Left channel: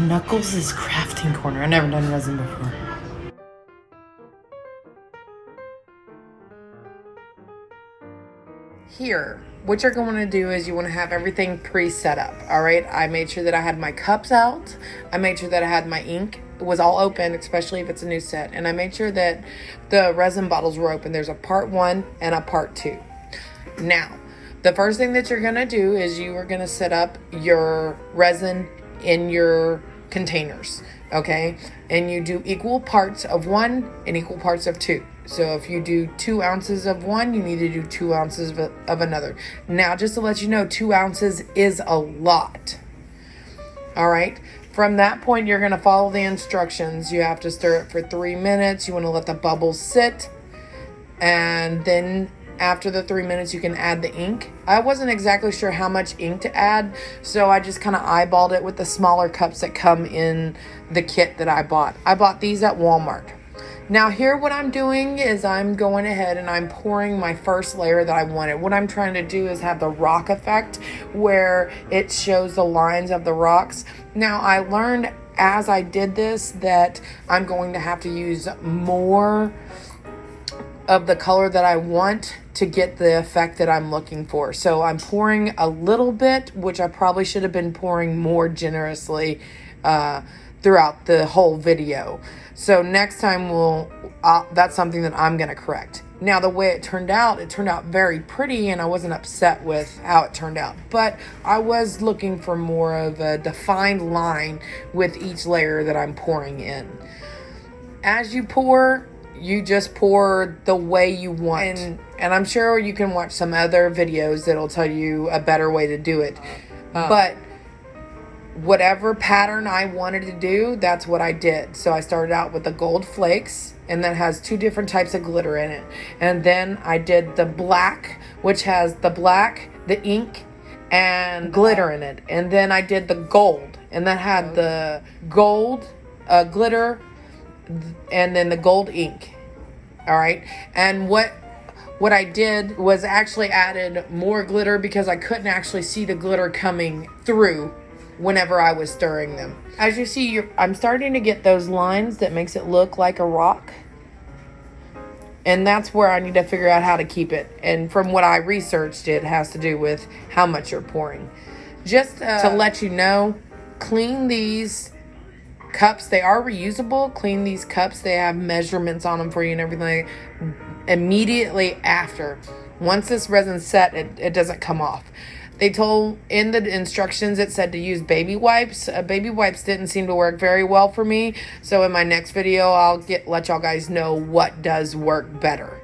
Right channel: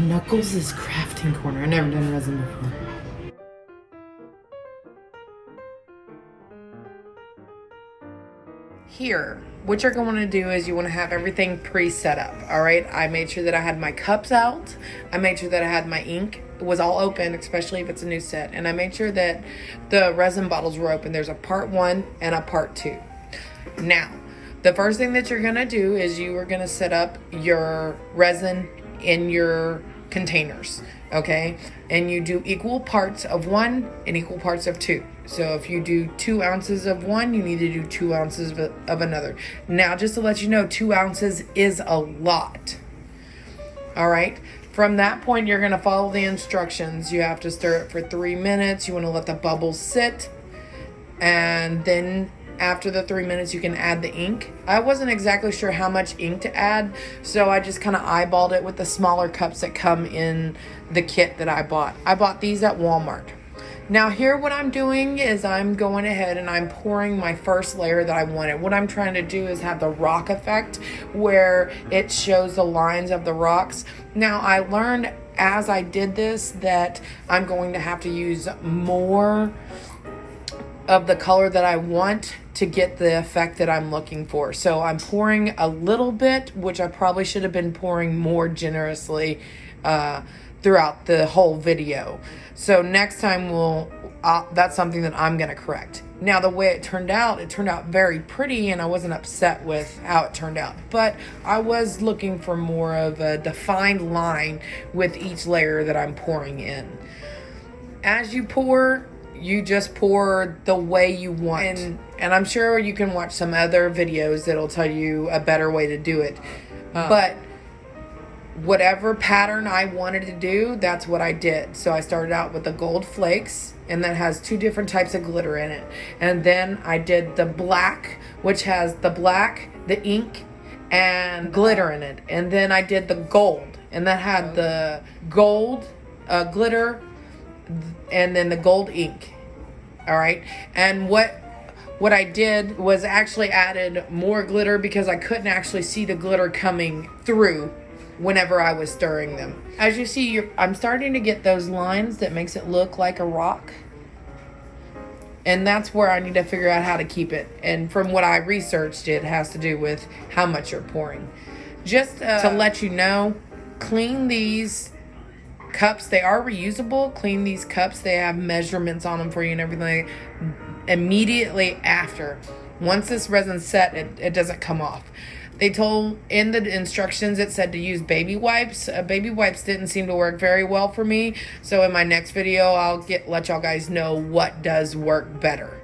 Knuckles is Krafting Korner. I've never done resin before. Here, what you're going to do is you want to have everything pre-set up, all right? I made sure that I had my cups out. I made sure that I had my ink. It was all open, especially if it's a new set. And I made sure that the resin bottles were open. There's a part 1 and a part 2. Now, the first thing that you're going to do is you are going to set up your resin in your containers, okay? And you do equal parts of one and equal parts of two. So if you do 2 ounces of one, you need to do 2 ounces of another. Now, just to let you know, 2 ounces is a lot. All right. From that point, you're going to follow the instructions. You have to stir it for 3 minutes. You want to let the bubbles sit. And then after the 3 minutes, you can add the ink. I wasn't exactly sure how much ink to add, so I just kind of eyeballed it with the smaller cups that come in the kit that I bought. I bought these at Walmart. Now here what I'm doing is I'm going ahead and I'm pouring my first layer that I wanted. What I'm trying to do is have the rock effect where it shows the lines of the rocks. Now I learned as I did this that I'm going to have to use more of the color that I want to get the effect that I'm looking for. So I'm pouring a little bit, which I probably should have been pouring more generously throughout the whole video. So next time that's something that I'm gonna correct. Now the way it turned out very pretty, and I wasn't upset with how it turned out, but I was looking for more of a defined line with each layer that I'm pouring in. As you pour, you just pour the way you want. And I'm sure you can watch some other videos that'll tell you a better way to do it. But whatever pattern I wanted to do, that's what I did. So I started out with the gold flakes, and that has 2 different types of glitter in it. And then I did the black, which has the black, the ink, and glitter in it. And then I did the gold, and that had the gold glitter, and then the gold ink. All right. And what I did was actually added more glitter because I couldn't actually see the glitter coming through whenever I was stirring them. As you see, I'm starting to get those lines that makes it look like a rock. And that's where I need to figure out how to keep it. And from what I researched, it has to do with how much you're pouring. Just to let you know, clean these cups. They are reusable. Clean these cups. They have measurements on them for you and everything. Immediately after. Once this resin's set, it doesn't come off. They told in the instructions, it said to use baby wipes. Baby wipes didn't seem to work very well for me. So in my next video, I'll let y'all guys know what does work better.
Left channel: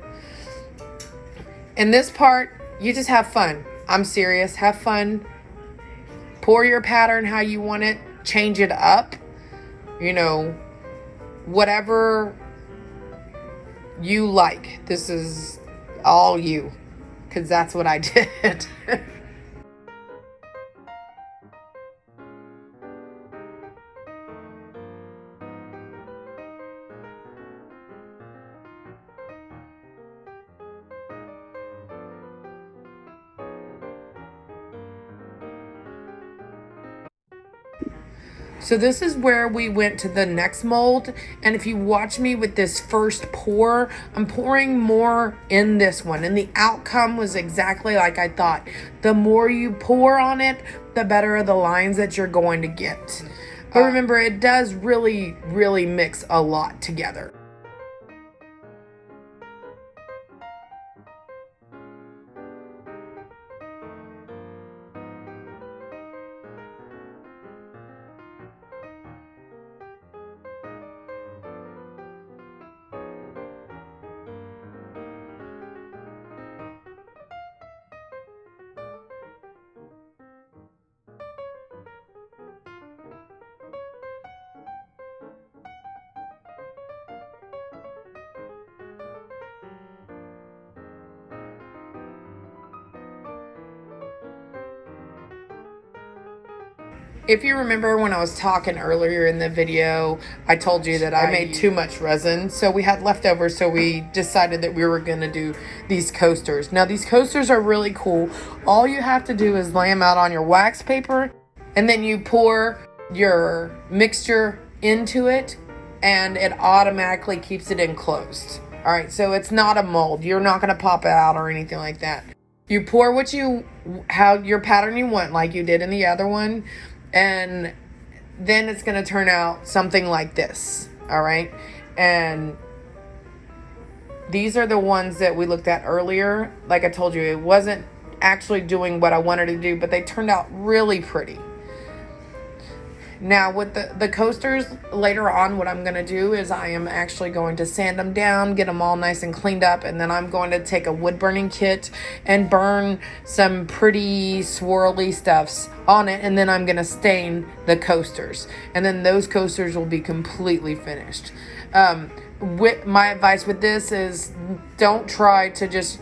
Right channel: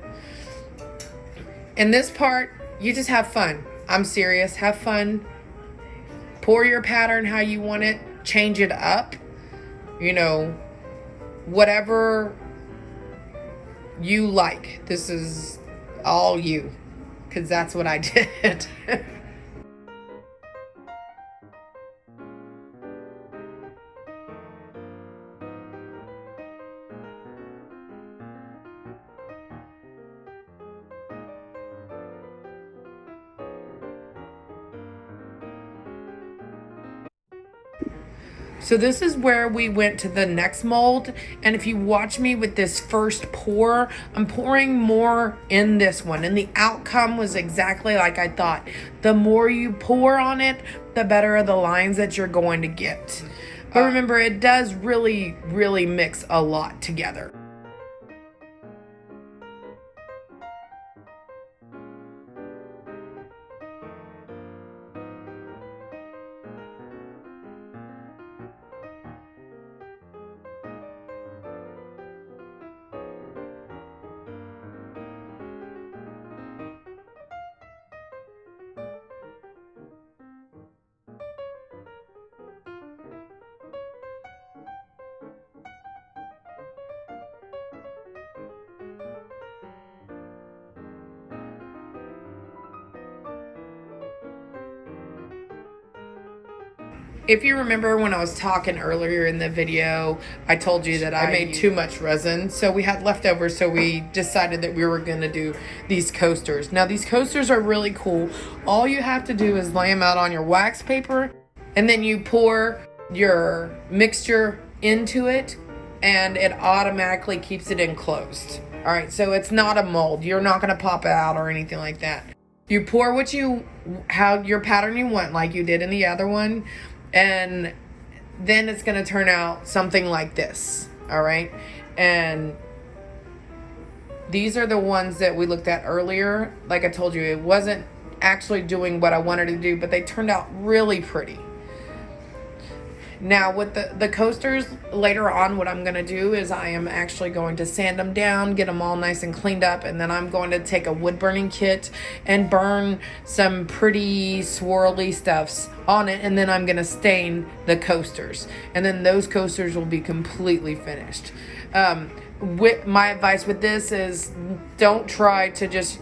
In this part, you just have fun. I'm serious. Have fun. Pour your pattern how you want it. Change it up. You know, whatever you like. This is all you. Because that's what I did. So this is where we went to the next mold. And if you watch me with this first pour, I'm pouring more in this one. And the outcome was exactly like I thought. The more you pour on it, the better are the lines that you're going to get. But remember, it does really, really mix a lot together. If you remember when I was talking earlier in the video, I told you that I made too much resin. So we had leftovers, so we decided that we were going to do these coasters. Now these coasters are really cool. All you have to do is lay them out on your wax paper, and then you pour your mixture into it, and it automatically keeps it enclosed. All right, so it's not a mold. You're not going to pop it out or anything like that. You pour how your pattern you want, like you did in the other one, and then it's going to turn out something like this. All right, and these are the ones that we looked at earlier. Like I told you, it wasn't actually doing what I wanted to do, but they turned out really pretty. Now with the coasters, later on what I'm going to do is I am actually going to sand them down, get them all nice and cleaned up, and then I'm going to take a wood burning kit and burn some pretty swirly stuffs on it, and then I'm going to stain the coasters, and then those coasters will be completely finished. My advice with this is don't try to just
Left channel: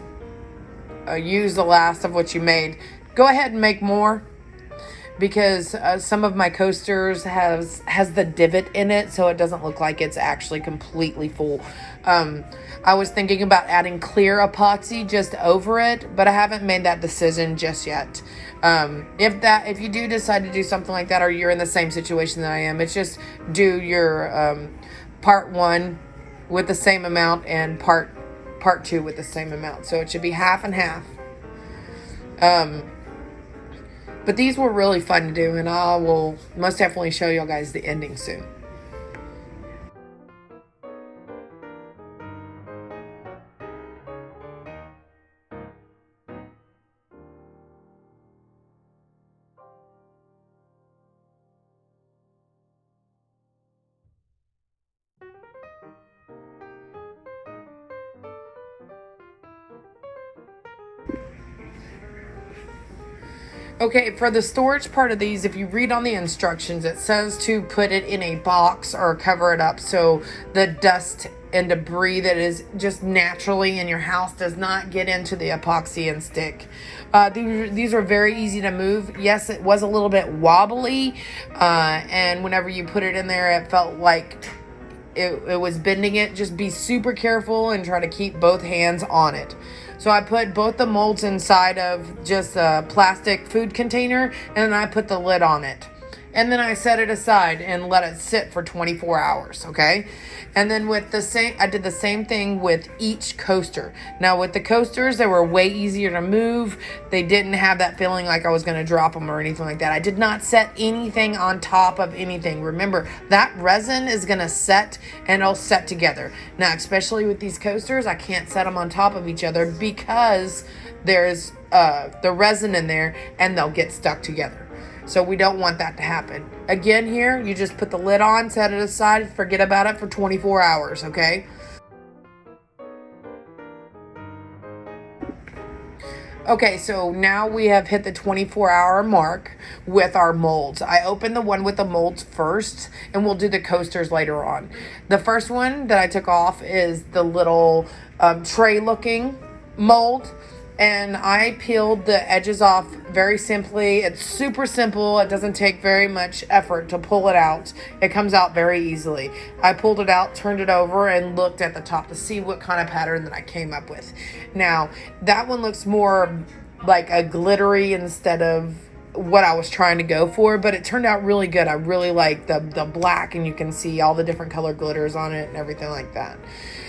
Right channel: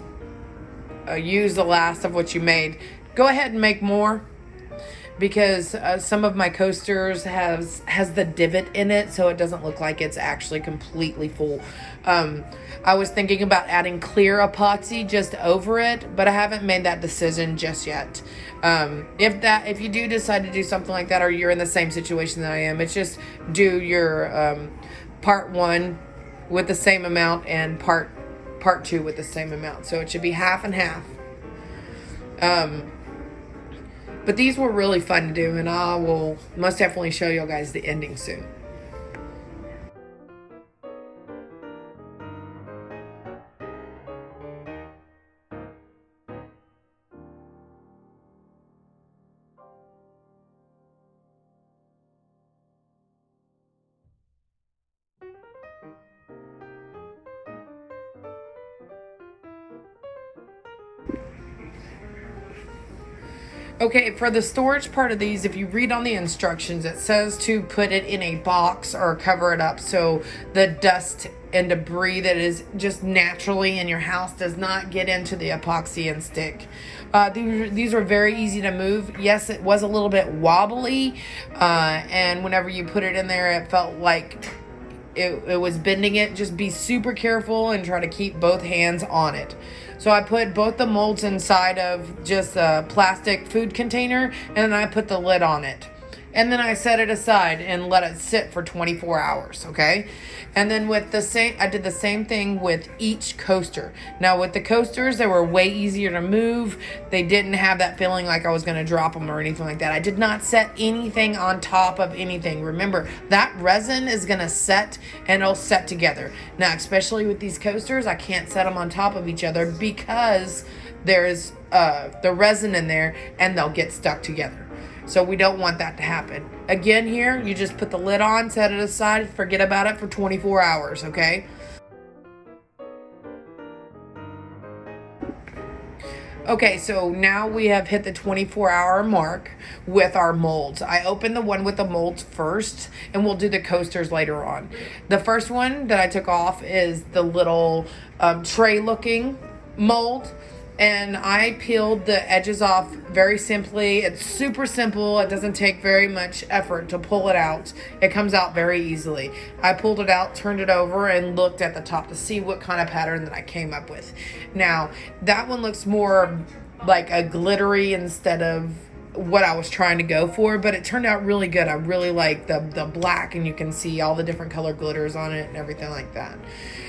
use the last of what you made. Go ahead and make more, because some of my coasters has the divot in it, so it doesn't look like it's actually completely full. I was thinking about adding clear epoxy just over it, but I haven't made that decision just yet. If you do decide to do something like that, or you're in the same situation that I am, it's just do your part 1 with the same amount and part 2 with the same amount. So it should be half and half. But these were really fun to do, and I will most definitely show you guys the ending soon. Okay, for the storage part of these, if you read on the instructions, it says to put it in a box or cover it up so the dust and debris that is just naturally in your house does not get into the epoxy and stick. These are very easy to move. Yes, it was a little bit wobbly, and whenever you put it in there, it felt like it was bending it. Just be super careful and try to keep both hands on it. So I put both the molds inside of just a plastic food container, and then I put the lid on it. And then I set it aside and let it sit for 24 hours, okay? And then I did the same thing with each coaster. Now with the coasters, they were way easier to move. They didn't have that feeling like I was gonna drop them or anything like that. I did not set anything on top of anything. Remember, that resin is gonna set and it'll set together. Now, especially with these coasters, I can't set them on top of each other because there's the resin in there and they'll get stuck together. So we don't want that to happen. Again, here, you just put the lid on, set it aside, forget about it for 24 hours, okay? Okay, so now we have hit the 24-hour mark with our molds. I opened the one with the molds first, and we'll do the coasters later on. The first one that I took off is the little tray-looking mold. And I peeled the edges off very simply. It's super simple. It doesn't take very much effort to pull it out. It comes out very easily. I pulled it out, turned it over, and looked at the top to see what kind of pattern that I came up with. Now, that one looks more like a glittery instead of what I was trying to go for, but it turned out really good. I really like the black, and you can see all the different color glitters on it and everything like that.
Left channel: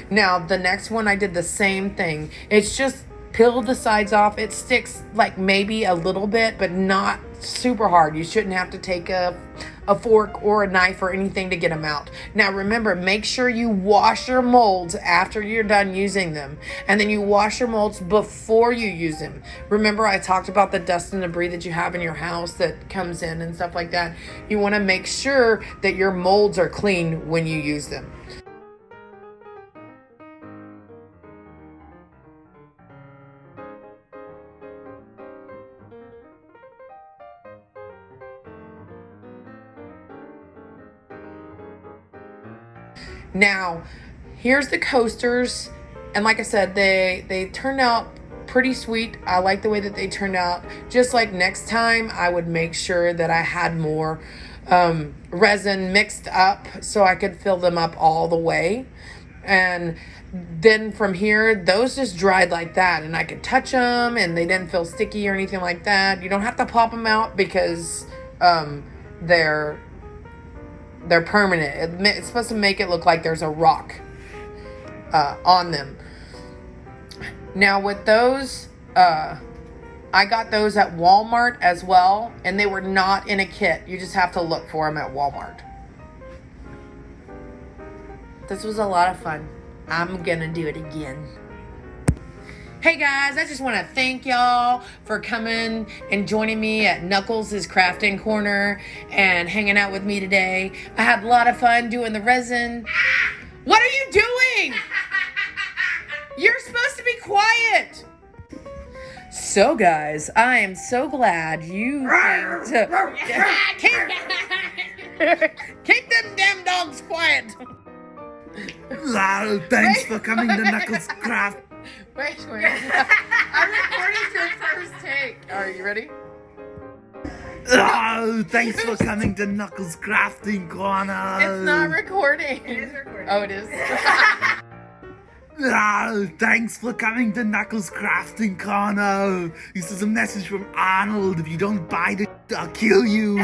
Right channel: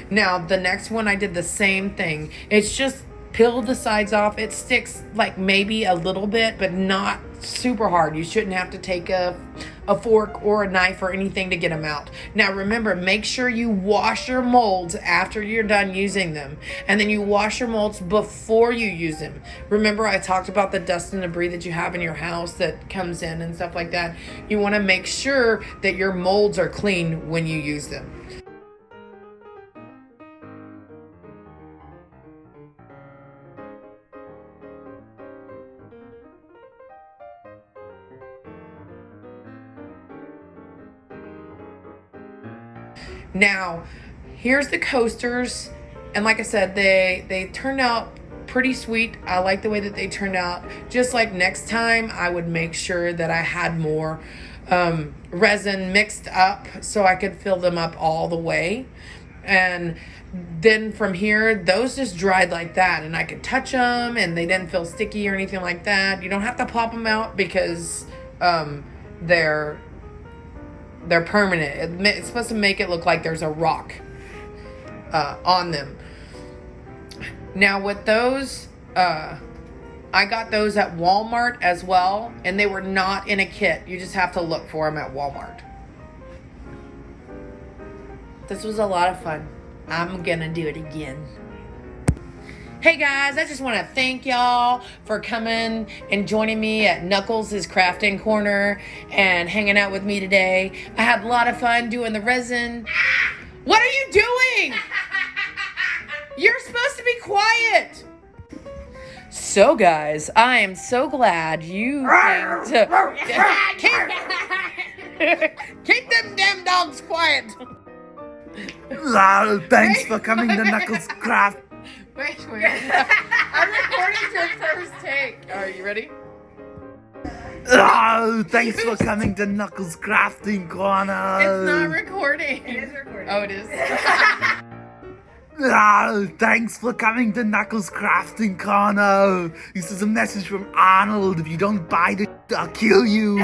Now, the next one, I did the same thing. It's just peel the sides off. It sticks like maybe a little bit, but not super hard. You shouldn't have to take a fork or a knife or anything to get them out. Now remember, make sure you wash your molds after you're done using them, and then you wash your molds before you use them. Remember, I talked about the dust and debris that you have in your house that comes in and stuff like that. You want to make sure that your molds are clean when you use them. Now, here's the coasters, and like I said, they turned out pretty sweet. I like the way that they turned out. Just like next time, I would make sure that I had more resin mixed up so I could fill them up all the way. And then from here, those just dried like that, and I could touch them and they didn't feel sticky or anything like that. You don't have to pop them out because they're They're permanent. It's supposed to make it look like there's a rock on them. Now with those, I got those at Walmart as well, and they were not in a kit. You just have to look for them at Walmart. This was a lot of fun. I'm gonna do it again. Hey guys, I just want to thank y'all for coming and joining me at Knuckles' Crafting Corner and hanging out with me today. I had a lot of fun doing the resin. What are you doing? You're supposed to be quiet. So guys, I am so glad you came to keep them damn dogs quiet. Thanks for coming to Knuckles Craft. Wait. I'm recording your first take. Are you ready? Thanks for coming to Knuckles Crafting Corner. It's not recording. It is recording. Oh, it is. Thanks for coming to Knuckles Crafting Corner. This is a message from Arnold. If you don't buy the, I'll kill you.